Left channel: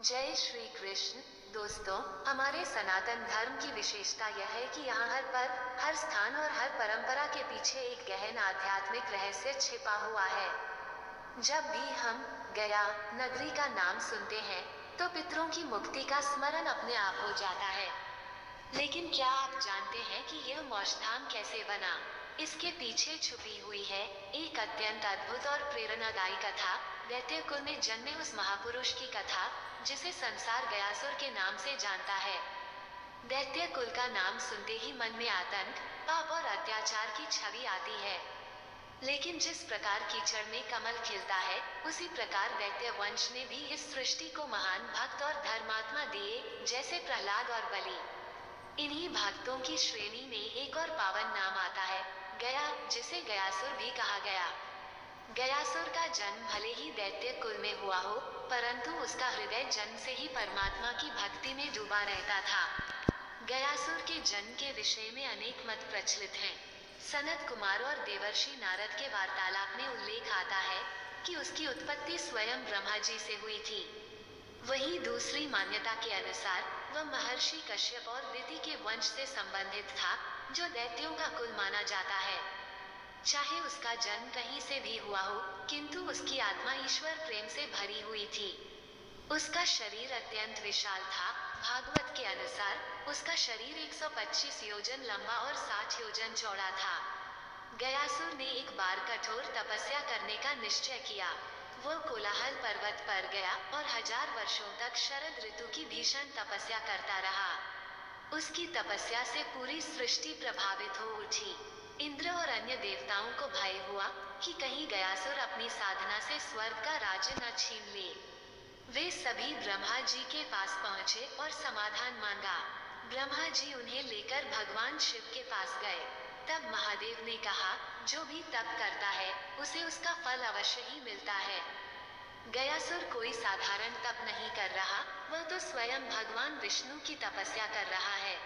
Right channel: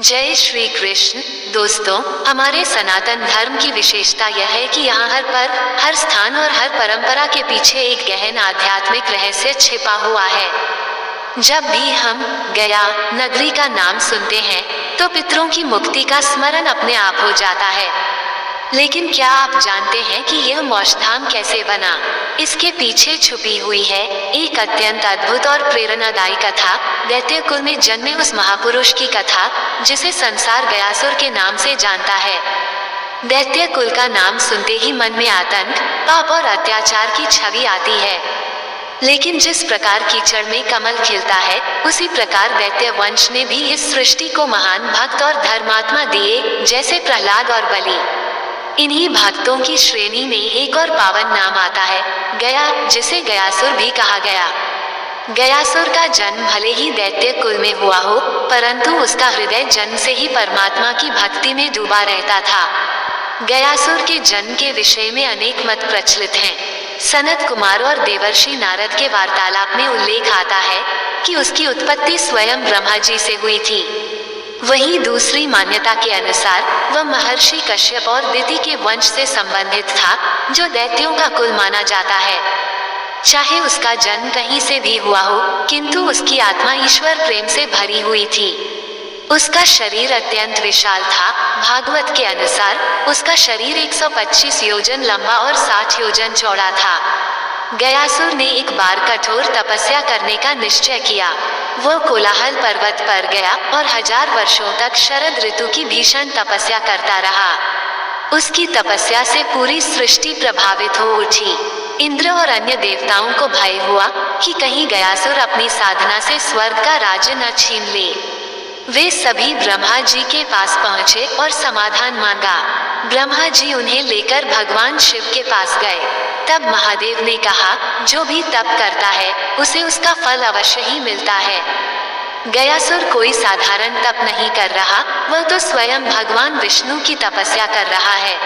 जय श्री कृष्ण। दोस्तों, हमारे सनातन धर्म की विशेषता यह है कि यहाँ हर पर्व, हर स्थान और हर परंपरा के पीछे एक गहन आध्यात्मिक रहस्य छिपा हुआ है। जब भी हम गया नगरी का नाम सुनते हैं तो पितरों की मुक्ति का स्मरण अपने आप हो जाता है। लेकिन क्या आप जानते हैं कि यह मोक्षधाम कैसे बना? इसके पीछे छुपी हुई है एक अत्यंत अद्भुत और प्रेरणादायी कथा। दैत्य कुल में जन्मे उस महापुरुष की कथा जिसे संसार गयासुर के नाम से जानता है। दैत्य कुल का नाम सुनते ही मन में आतंक, पाप और अत्याचार की छवि आती है। लेकिन जिस प्रकार कीचड़ में कमल खिलता है, उसी प्रकार दैत्य वंश ने भी इस सृष्टि को महान भक्त और धर्मात्मा दिए, जैसे प्रहलाद और बलि। इन्हीं भक्तों की श्रेणी में एक और पावन नाम आता है, गया, जिसे गयासुर भी कहा गया। गयासुर का जन्म भले ही दैत्य कुल में हुआ हो, परंतु उसका हृदय जन्म से ही परमात्मा की भक्ति में डूबा रहता था। गयासुर के जन्म के विषय में अनेक मत प्रचलित हैं। सनत कुमार और देवर्षि नारद के वार्तालाप में उल्लेख आता है कि उसकी उत्पत्ति स्वयं ब्रह्मा जी से हुई थी। वहीं दूसरी मान्यता के अनुसार वह महर्षि कश्यप और दिति के वंश से संबंधित था, जो दैत्यों का कुल माना जाता है। चाहे उसका जन्म कहीं से भी हुआ हो, किंतु उसकी आत्मा ईश्वर प्रेम से भरी हुई थी। उसका शरीर अत्यंत विशाल था। भागवत के अनुसार उसका शरीर 125 योजन लंबा और 60 योजन चौड़ा था। गयासुर ने एक बार कठोर तपस्या करने का निश्चय किया। वह कोलाहल पर्वत पर गया और 1000 वर्षों तक शरद ऋतु की भीषण तपस्या करता रहा। उसकी तपस्या से पूरी सृष्टि प्रभावित हो उठी। इंद्र और अन्य देवताओं को भय हुआ कि कहीं गयासुर अपनी साधना से स्वर्ग का राज्य न छीन ले। वे सभी ब्रह्मा जी के पास पहुँचे और समाधान मांगा। ब्रह्मा जी उन्हें लेकर भगवान शिव के पास गए। तब महादेव ने कहा, जो भी तप करता है उसे उसका फल अवश्य ही मिलता है। गयासुर कोई साधारण तप नहीं कर रहा, वह तो स्वयं भगवान विष्णु की तपस्या कर रहा है।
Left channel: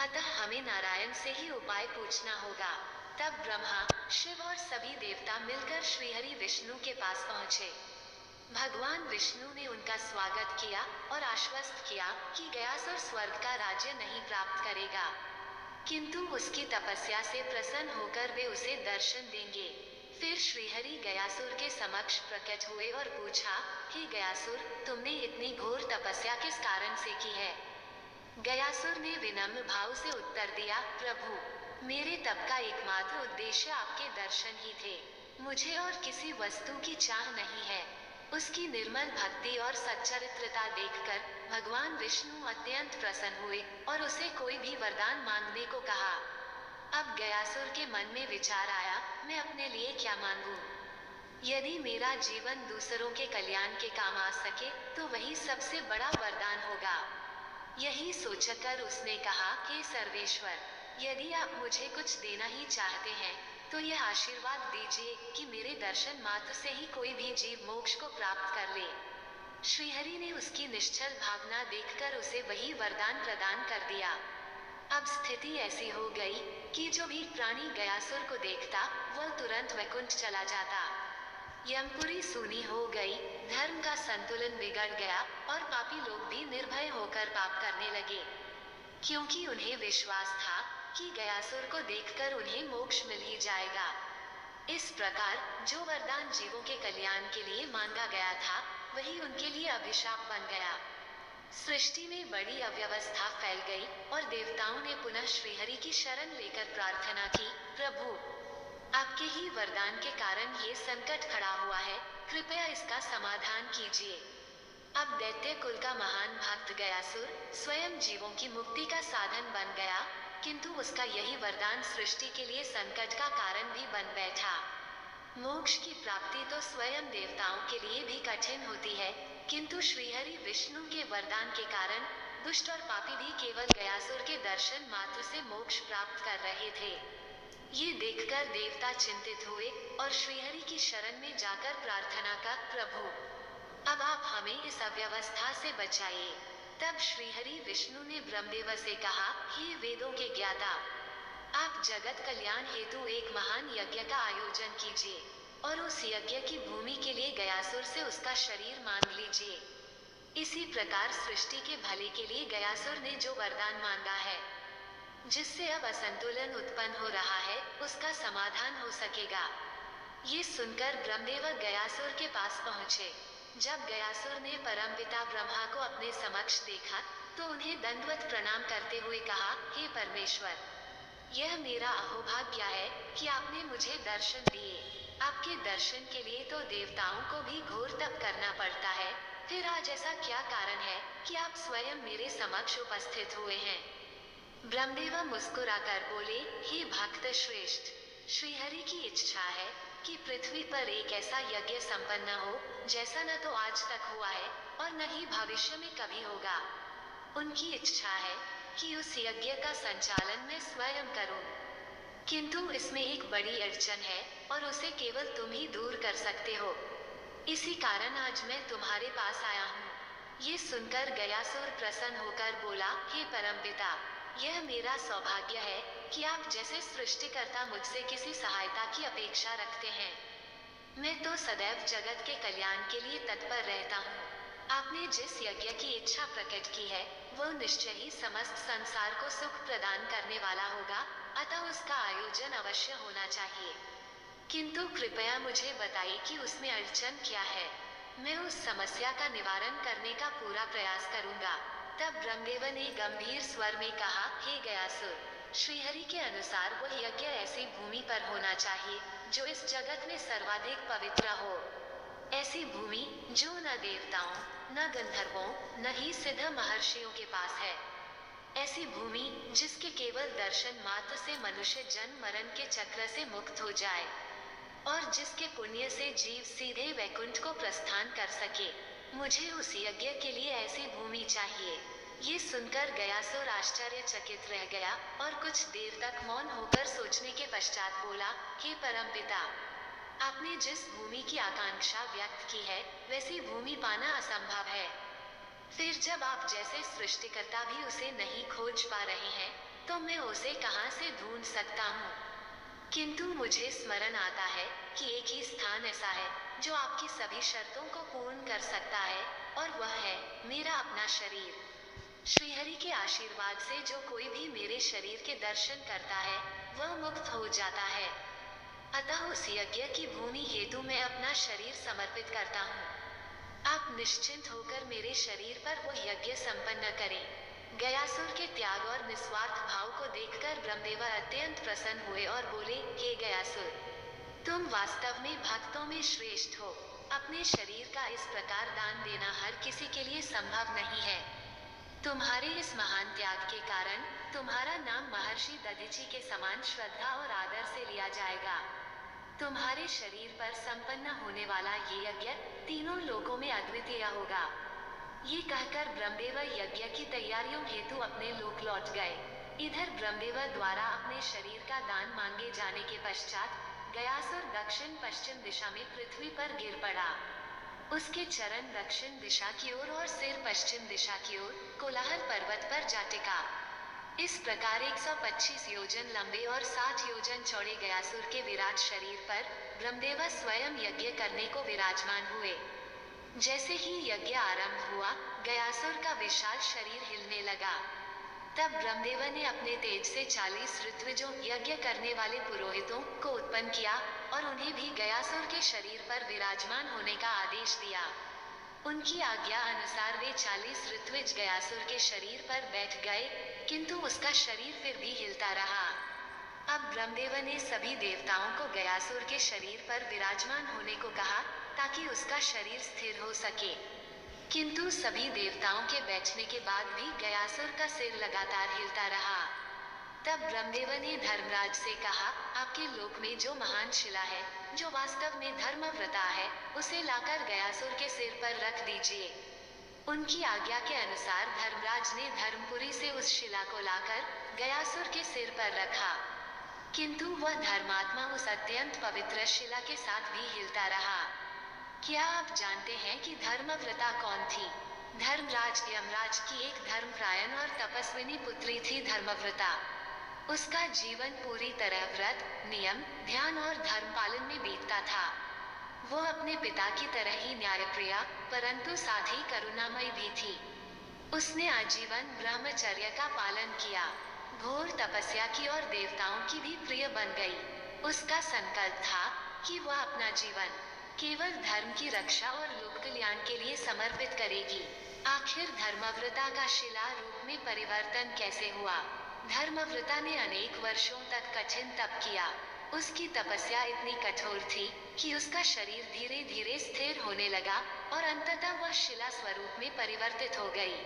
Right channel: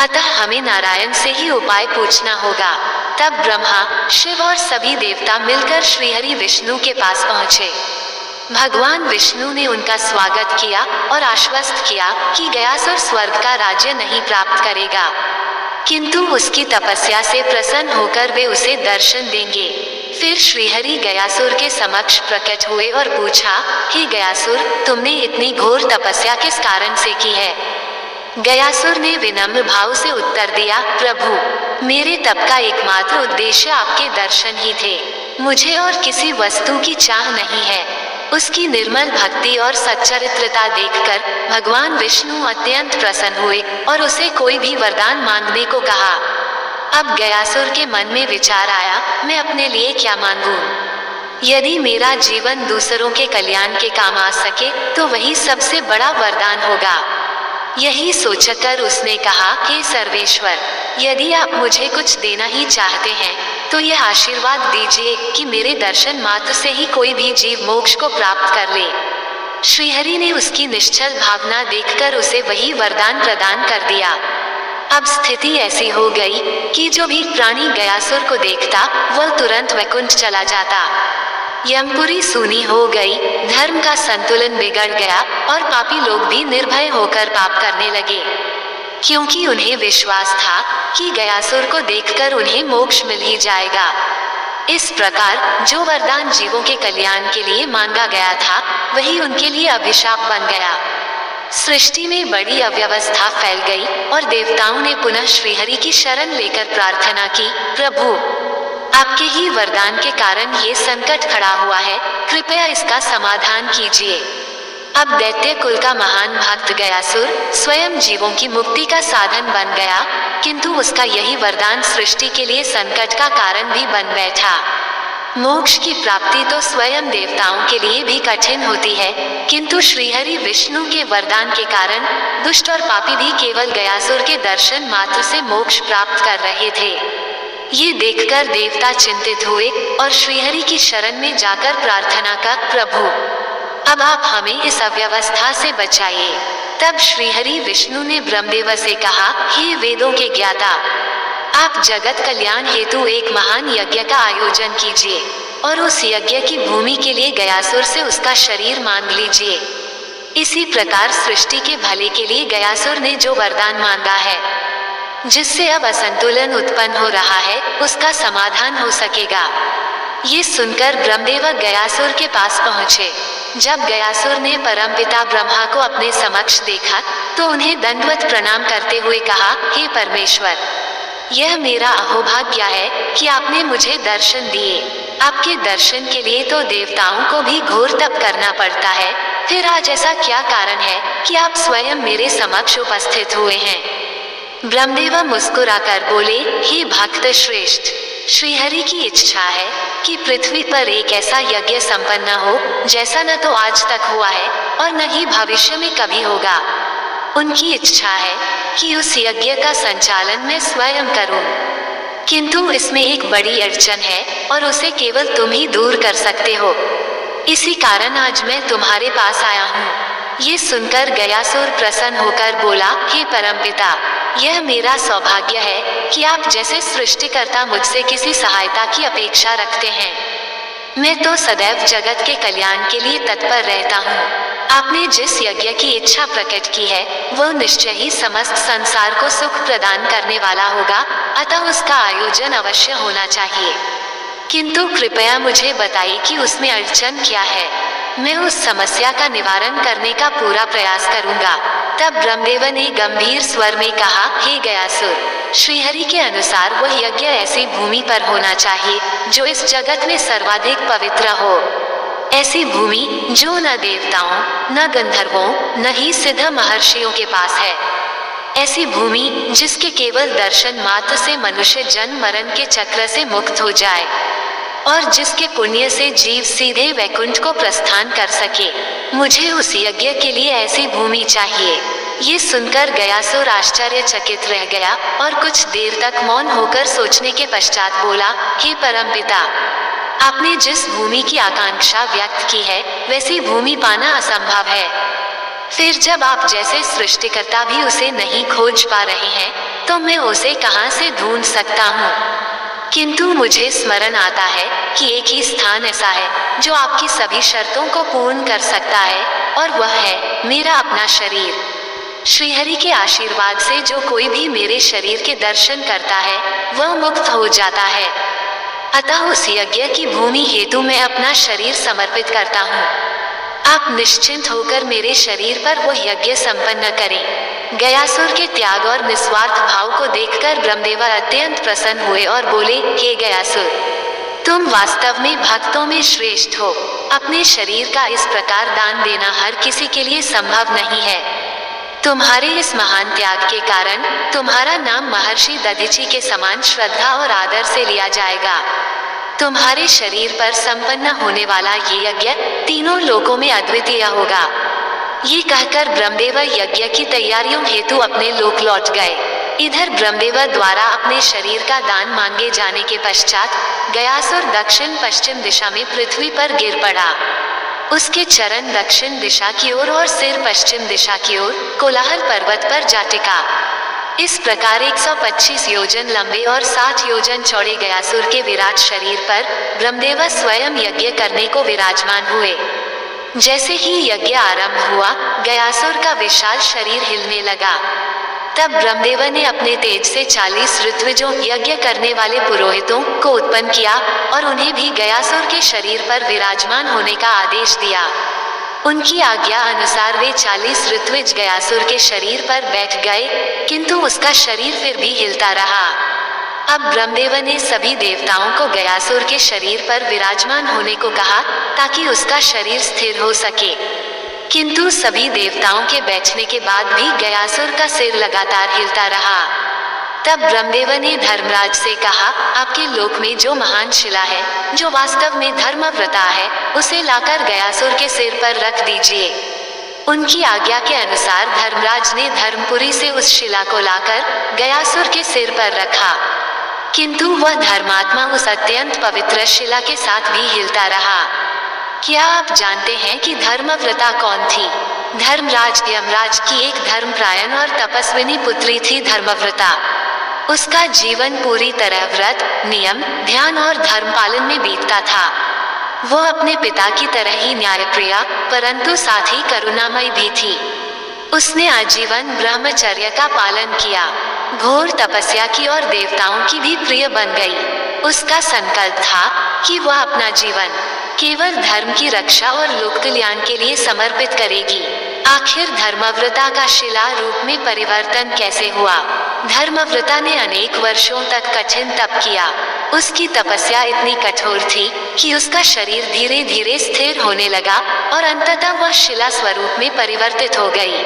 अतः हमें नारायण से ही उपाय पूछना होगा। तब ब्रह्मा, शिव और सभी देवता मिलकर श्रीहरि विष्णु के पास पहुँचे। भगवान विष्णु ने उनका स्वागत किया और आश्वस्त किया कि गयासुर स्वर्ग का राज्य नहीं प्राप्त करेगा, किंतु उसकी तपस्या से प्रसन्न होकर वे उसे दर्शन देंगे। फिर श्रीहरि गयासुर के समक्ष प्रकट हुए और पूछा, हे गयासुर, तुमने इतनी घोर तपस्या किस कारण से की है? गयासुर ने विनम्र भाव से उत्तर दिया, प्रभु, मेरे तप का एकमात्र उद्देश्य आपके दर्शन ही थे। मुझे और किसी वस्तु की चाह नहीं है। उसकी निर्मल भक्ति और सच्चरित्रता देखकर भगवान विष्णु अत्यंत प्रसन्न हुए और उसे कोई भी वरदान मांगने को कहा। अब गयासुर के मन में विचार आया, मैं अपने लिए क्या मांगूं? यदि मेरा जीवन दूसरों के कल्याण के काम आ सके तो वही सबसे बड़ा वरदान होगा। यही सोचकर उसने कहा, हे सर्वेश्वर, यदि आप मुझे कुछ देना ही चाहते हैं तो यह आशीर्वाद दीजिए कि मेरे दर्शन मात्र से ही कोई भी जीव मोक्ष को प्राप्त कर ले। श्रीहरि ने उसकी निश्चल भावना देखकर उसे वही वरदान प्रदान कर दिया। अब स्थिति ऐसी हो गई कि जो भी प्राणी गयासुर को देखता वह तुरंत वैकुंठ चला जाता। यमपुरी सूनी हो गई, धर्म का संतुलन बिगड़ गया और पापी लोग भी निर्भय होकर पाप करने लगे, क्योंकि उन्हें विश्वास था कि गयासुर को देखकर उन्हें मोक्ष मिल ही जाएगा। इस प्रकार जो वरदान जीवों के कल्याण के लिए मांगा गया था, वही उनके लिए अभिशाप बन गया। सृष्टि में बड़ी अव्यवस्था फैल गई और देवताओं ने पुनः श्रीहरि की शरण लेकर प्रार्थना की, प्रभु, आपके ही वरदान के कारण ये संकट खड़ा हुआ है, कृपया इसका समाधान कीजिए। अब दैत्य कुल का महान भक्त गयासुर स्वयं जीवों की मुक्ति का साधन बन गया, किंतु उसका यही वरदान सृष्टि के लिए संकट का कारण भी बन बैठा। मोक्ष की प्राप्ति तो स्वयं देवताओं के लिए भी कठिन होती है, किंतु श्रीहरि विष्णु के वरदान के कारण दुष्ट और पापी भी केवल गयासुर के दर्शन मात्र से मोक्ष प्राप्त कर रहे थे। ये देखकर देवता चिंतित हुए और श्रीहरि की शरण में जाकर प्रार्थना का, प्रभु, अब आप हमें इस अव्यवस्था से बचाइए। तब श्रीहरि विष्णु ने ब्रह्मदेव से कहा, हे वेदों के ज्ञाता, आप जगत कल्याण हेतु एक महान यज्ञ का आयोजन कीजिए और उस यज्ञ की भूमि के लिए गयासुर से उसका शरीर मांग लीजिए। इसी प्रकार सृष्टि के भले के लिए गयासुर ने जो वरदान मांगा है, जिससे अब असंतुलन उत्पन्न हो रहा है, उसका समाधान हो सकेगा। ये सुनकर ब्रह्मदेव गयासुर के पास पहुँचे। जब गयासुर ने परमपिता ब्रह्मा को अपने समक्ष देखा तो उन्हें दंडवत प्रणाम करते हुए कहा, हे परमेश्वर, यह मेरा अहोभाग्य है कि आपने मुझे दर्शन दिए। आपके दर्शन के लिए तो देवताओं को भी घोर तप करना पड़ता है, फिर आज ऐसा क्या कारण है कि आप स्वयं मेरे समक्ष उपस्थित हुए हैं? ब्रह्मदेव मुस्कुराकर बोले, हे भक्त श्रेष्ठ, श्रीहरि की इच्छा है कि पृथ्वी पर एक ऐसा यज्ञ संपन्न हो जैसा न तो आज तक हुआ है और न ही भविष्य में कभी होगा। उनकी इच्छा है कि उस यज्ञ का संचालन मैं स्वयं करूं, किंतु इसमें एक बड़ी अड़चन है और उसे केवल तुम ही दूर कर सकते हो। इसी कारण आज मैं तुम्हारे पास आया हूँ। ये सुनकर गयासुर प्रसन्न होकर बोला, हे परमपिता, यह मेरा सौभाग्य है कि आप जैसे सृष्टिकर्ता मुझसे किसी सहायता की अपेक्षा रखते हैं। मैं तो सदैव जगत के कल्याण के लिए तत्पर रहता हूँ। आपने जिस यज्ञ की इच्छा प्रकट की है वह निश्चय ही समस्त संसार को सुख प्रदान करने वाला होगा, अतः उसका आयोजन अवश्य होना चाहिए। किंतु कृपया मुझे बताइए कि उसमें अड़चन क्या है। मैं उस समस्या का निवारण करने का पूरा प्रयास करूंगा। तब ब्रह्मदेव ने गंभीर स्वर में कहा, हे गयासुर, श्रीहरि के अनुसार वह यज्ञ ऐसी भूमि पर होना चाहिए जो इस जगत में सर्वाधिक पवित्र हो। ऐसी भूमि जो न देवताओं, न गंधर्वों, न ही सिद्ध महर्षियों के पास है। ऐसी भूमि जिसके केवल दर्शन मात्र से मनुष्य जन्म मरण के चक्र से मुक्त हो जाए और जिसके पुण्य से जीव सीधे वैकुंठ को प्रस्थान कर सके। मुझे उस यज्ञ के लिए ऐसी भूमि चाहिए। ये सुनकर गयासुर आश्चर्यचकित रह गया और कुछ देर तक मौन होकर सोचने के पश्चात बोला, हे परमपिता, आपने जिस भूमि की आकांक्षा व्यक्त की है वैसी भूमि पाना असंभव है। फिर जब आप जैसे सृष्टिकर्ता भी उसे नहीं खोज पा रहे हैं तो मैं उसे कहां से ढूंढ सकता हूँ। किंतु मुझे स्मरण आता है कि एक ही स्थान ऐसा है जो आपकी सभी शर्तों को पूर्ण कर सकता है और वह है मेरा अपना शरीर। श्रीहरि के आशीर्वाद से जो कोई भी मेरे शरीर के दर्शन करता है वह मुक्त हो जाता है। अतः उस यज्ञ की भूमि हेतु मैं अपना शरीर समर्पित करता हूँ। आप निश्चिंत होकर मेरे शरीर पर वह यज्ञ संपन्न करें। गयासुर के त्याग और निस्वार्थ भाव को देखकर ब्रह्मदेव अत्यंत प्रसन्न हुए और बोले, हे गयासुर, तुम वास्तव में भक्तों में श्रेष्ठ हो। अपने शरीर का इस प्रकार दान देना हर किसी के लिए संभव नहीं है। तुम्हारे इस महान त्याग के कारण तुम्हारा नाम महर्षि दधीचि के समान श्रद्धा और आदर से लिया जाएगा। तुम्हारे शरीर पर संपन्न होने वाला ये यज्ञ तीनों लोकों में अद्वितीय होगा। ये कहकर ब्रह्मदेव यज्ञ की तैयारियों हेतु अपने लोक लौट गए। इधर ब्रह्मदेव द्वारा अपने शरीर का दान मांगे जाने के पश्चात गयासुर दक्षिण पश्चिम दिशा में पृथ्वी पर गिर पड़ा। उसके चरण दक्षिण दिशा की ओर और सिर पश्चिम दिशा की ओर कोलाहल पर्वत पर जा टिका। इस प्रकार 125 योजन लंबे और 60 योजन चौड़े गयासुर के विराट शरीर पर ब्रह्मदेव स्वयं यज्ञ करने को विराजमान हुए। जैसे ही यज्ञ आरंभ हुआ, गयासुर का विशाल शरीर हिलने लगा। तब ब्रह्मदेव ने अपने तेज से 40 ऋत्विजों यज्ञ करने वाले पुरोहितों को उत्पन्न किया और उन्हें भी गयासुर के शरीर पर विराजमान होने का आदेश दिया। उनकी आज्ञा अनुसार वे 40 ऋत्विज गयासुर के शरीर पर बैठ गए, किंतु उसका शरीर फिर भी हिलता रहा। अब ब्रह्मदेव ने सभी देवताओं को गयासुर के शरीर पर विराजमान होने को कहा ताकि उसका शरीर स्थिर हो सके। किंतु सभी देवताओं के बैठने के बाद भी गयासुर का सिर लगातार हिलता रहा। तब ब्रह्मदेव ने धर्मराज से कहा, आपके लोक में जो महान शिला है, जो वास्तव में धर्मव्रता है, उसे लाकर गयासुर के सिर पर रख दीजिए। उनकी आज्ञा के अनुसार धर्मराज ने धर्मपुरी से उस शिला को लाकर गयासुर के सिर पर रखा, किंतु वह धर्मात्मा उस अत्यंत पवित्र शिला के साथ भी हिलता रहा। क्या आप जानते हैं कि धर्मव्रता कौन थी? धर्मराज यमराज की एक धर्मपरायण और तपस्विनी पुत्री थी धर्मव्रता। उसका जीवन पूरी तरह व्रत, नियम, ध्यान और धर्म पालन में बीतता था। वो अपने पिता की तरह ही न्यायप्रिया परंतु साथ ही करुणामयी भी थी। उसने आजीवन ब्रह्मचर्य का पालन किया, घोर तपस्या की और देवताओं की भी प्रिय बन गई। उसका संकल्प था कि वह अपना जीवन केवल धर्म की रक्षा और लोक कल्याण के लिए समर्पित करेगी। आखिर धर्मव्रता का शिला रूप में परिवर्तन कैसे हुआ? धर्मव्रता ने अनेक वर्षों तक कठिन तप किया। उसकी तपस्या इतनी कठोर थी कि उसका शरीर धीरे धीरे स्थिर होने लगा और अंततः वह शिला स्वरूप में परिवर्तित हो गई।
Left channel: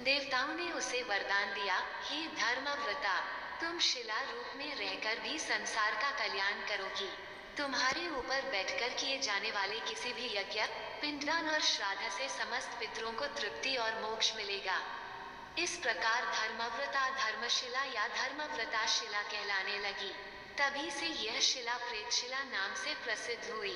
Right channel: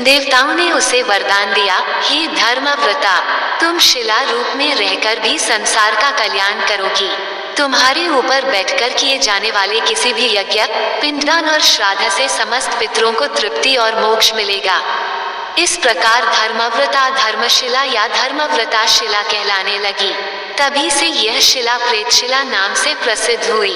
देवताओं ने उसे वरदान दिया, हे धर्मव्रता, तुम शिला रूप में रहकर भी संसार का कल्याण करोगी। तुम्हारे ऊपर बैठकर किए जाने वाले किसी भी यज्ञ, पिंडदान और श्राद्ध से समस्त पितरों को तृप्ति और मोक्ष मिलेगा। इस प्रकार धर्मव्रता धर्मशिला या धर्मव्रता शिला कहलाने लगी। तभी से यह शिला प्रेतशिला नाम से प्रसिद्ध हुई।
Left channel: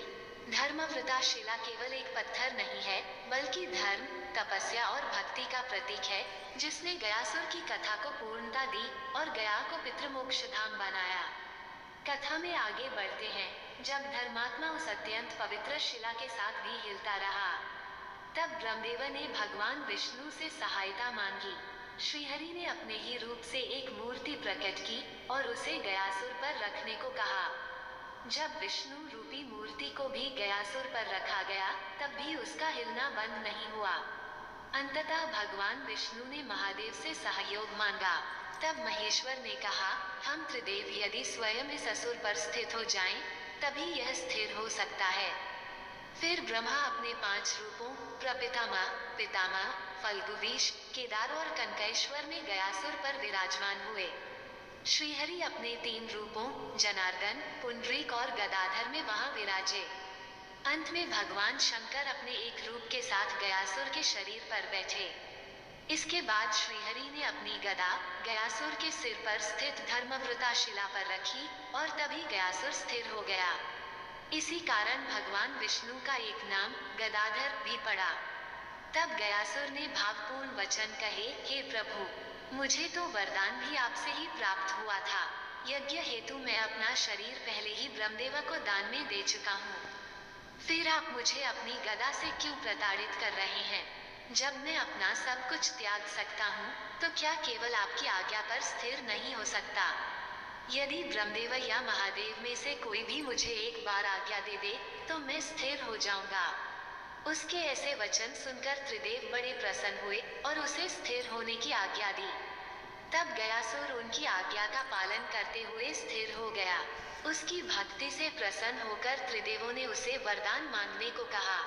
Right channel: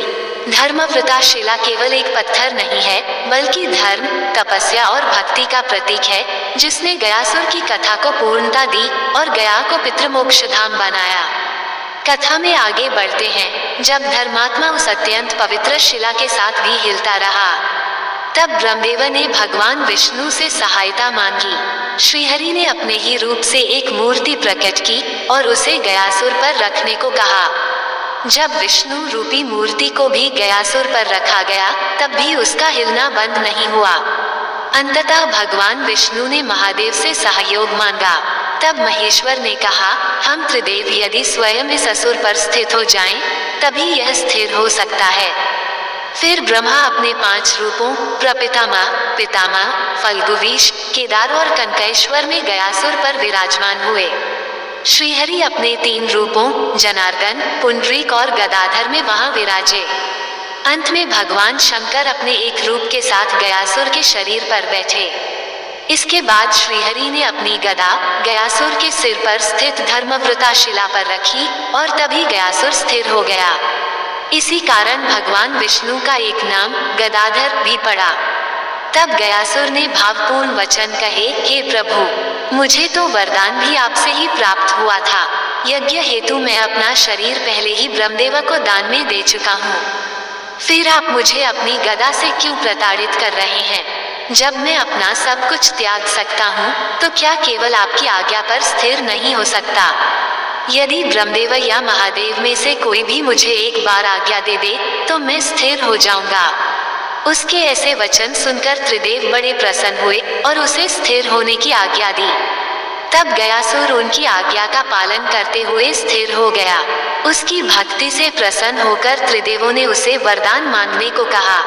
धर्मव्रता शिला केवल एक पत्थर नहीं है, बल्कि धर्म, तपस्या और भक्ति का प्रतीक है, जिसने गयासुर की कथा को पूर्णता दी और गया को पितृमोक्ष धाम बनाया। कथा में आगे बढ़ते हैं। जब धर्मात्मा उस अत्यंत पवित्र शिला के साथ भी हिलता रहा, तब ब्रह्मदेव ने भगवान विष्णु से सहायता मांगी। श्रीहरि ने अपने ही रूप से एक मूर्ति प्रकट की और उसे गयासुर पर रखने को कहा। जब विष्णु रूपी मूर्ति को भी गयासुर पर रखा गया, तब भी उसका हिलना बंद नहीं हुआ। अंततः भगवान विष्णु ने महादेव से सहयोग मांगा। तब महेश्वर ने कहा, हम त्रिदेव यदि स्वयं इस असुर पर स्थित हो जाएं, तभी यह स्थिर हो सकता है। फिर ब्रह्मा अपने 5 रूपों प्रपितामह, पितामह, फल्गुवीश, केदार और कनकेश्वर में गयासुर पर विराजमान हुए। श्रीहरि अपने 3 रूपों जनार्दन, पुंडरीक और गदाधर में वहां विराजे। अंत में भगवान शंकर अपने एक रूप के साथ गयासुर के शरीर पर बैठे। इसके बाद श्रीहरि ने अपनी गदा गयासुर के सिर पर स्थित धर्मव्रता शिला पर रखी और तभी गयासुर स्थिर हो गया। इसी कारण भगवान विष्णु का एक नाम गदाधर भी पड़ा। तब गयासुर ने भावपूर्ण वचन कहे, हे प्रभु, मुझे तो वरदान भी आपसे ही प्राप्त हुआ था। यज्ञ हेतु मैं अपना शरीर पहले ही ब्रह्मदेव को दान में दे चुका हूँ। फिर आप मुझे अपनी गदा से क्यों प्रताड़ित कर रहे हैं? जब मैं अपना सब कुछ त्याग सकता हूँ, तो क्या केवल आपकी आज्ञा पर स्थिर नहीं हो सकता? यदि ब्रह्मदेव या महादेव में से कोई भी मुझे एक बार आज्ञा दे दे, तो मैं स्थिर हो जाऊंगा। उसके ऐसे वचन सुनकर त्रिदेव बड़े प्रसन्न हुए और उसे स्थिर होने की आज्ञा दी। तब गयासुर उनकी आज्ञा का पालन करते हुए स्थिर हो गया। उसकी भक्ति से प्रसन्न होकर त्रिदेवों ने उसे वरदान मांगने को कहा।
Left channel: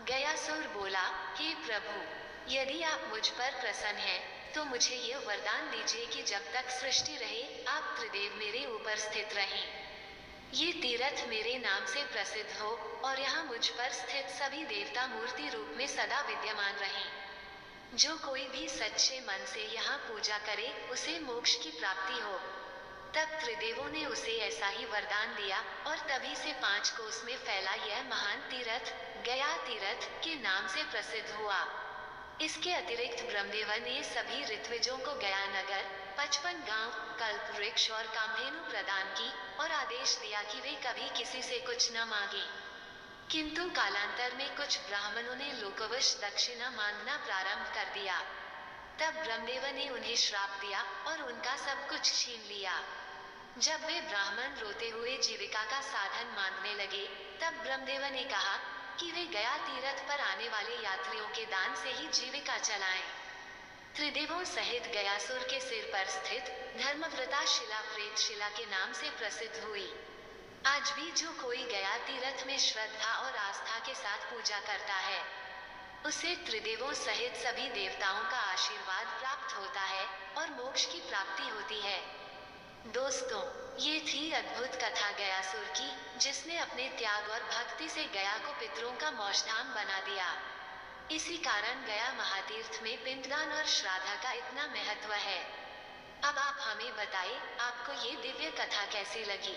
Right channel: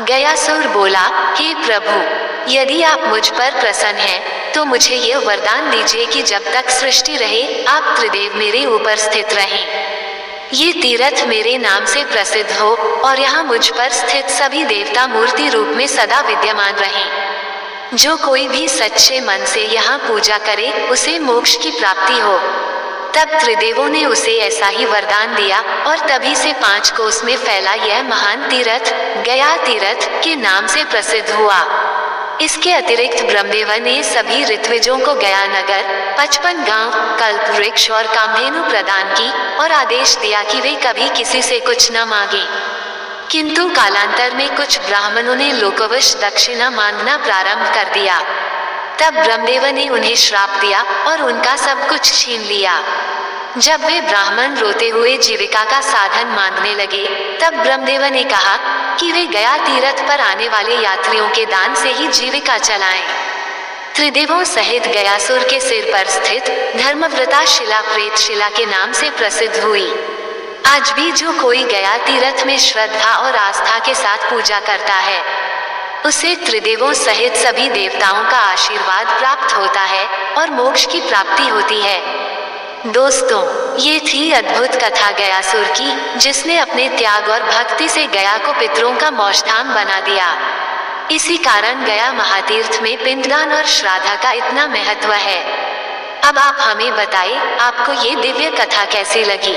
गयासुर बोला, हे प्रभु, यदि आप मुझ पर प्रसन्न हैं, तो मुझे यह वरदान दीजिए कि जब तक सृष्टि रहे, आप त्रिदेव मेरे ऊपर स्थित रहें। ये तीर्थ मेरे नाम से प्रसिद्ध हो और यहाँ मुझ पर स्थित सभी देवता मूर्ति रूप में सदा विद्यमान रहें। जो कोई भी सच्चे मन से यहाँ पूजा करे, उसे मोक्ष की प्राप्ति हो। तब त्रिदेवों ने उसे ऐसा ही वरदान दिया और तभी से 5 कोस में फैला यह महान तीर्थ गया तीर्थ के नाम से प्रसिद्ध हुआ। इसके अतिरिक्त ब्रह्मदेव ने सभी ऋत्विजों को गया नगर, 55 गांव, कल्प वृक्ष और कामधेनु प्रदान की और आदेश दिया कि वे कभी किसी से कुछ न मांगे। किंतु कालांतर में कुछ ब्राह्मणों ने लोकवश दक्षिणा मांगना प्रारंभ कर दिया। तब ब्रह्मदेव ने उन्हें श्राप दिया और उनका सब कुछ छीन लिया। जब वे ब्राह्मण रोते हुए जीविका का साधन मांगने लगे, तब ब्रह्मदेव ने कहा कि वे गया तीर्थ पर आने वाले यात्रियों के दान से ही जीविका चलाएं। त्रिदेवों सहित गयासुर के सिर पर स्थित धर्मव्रता शिला प्रेत शिला के नाम से प्रसिद्ध हुई। आज भी जो कोई गया तीर्थ में श्रद्धा और आस्था के साथ पूजा करता है, उसे त्रिदेवों सहित सभी देवताओं का आशीर्वाद प्राप्त होता है और मोक्ष की प्राप्ति होती है। दोस्तों, ये थी अद्भुत कथा गयासुर की, जिसने अपने त्याग और भक्ति से गया को पितरों का मोक्षधाम बना दिया। इसी कारण गया महातीर्थ में पिंडदान और श्राद्ध का इतना महत्व है। अब आप हमें बताएं, आपको ये दिव्य कथा कैसी लगी?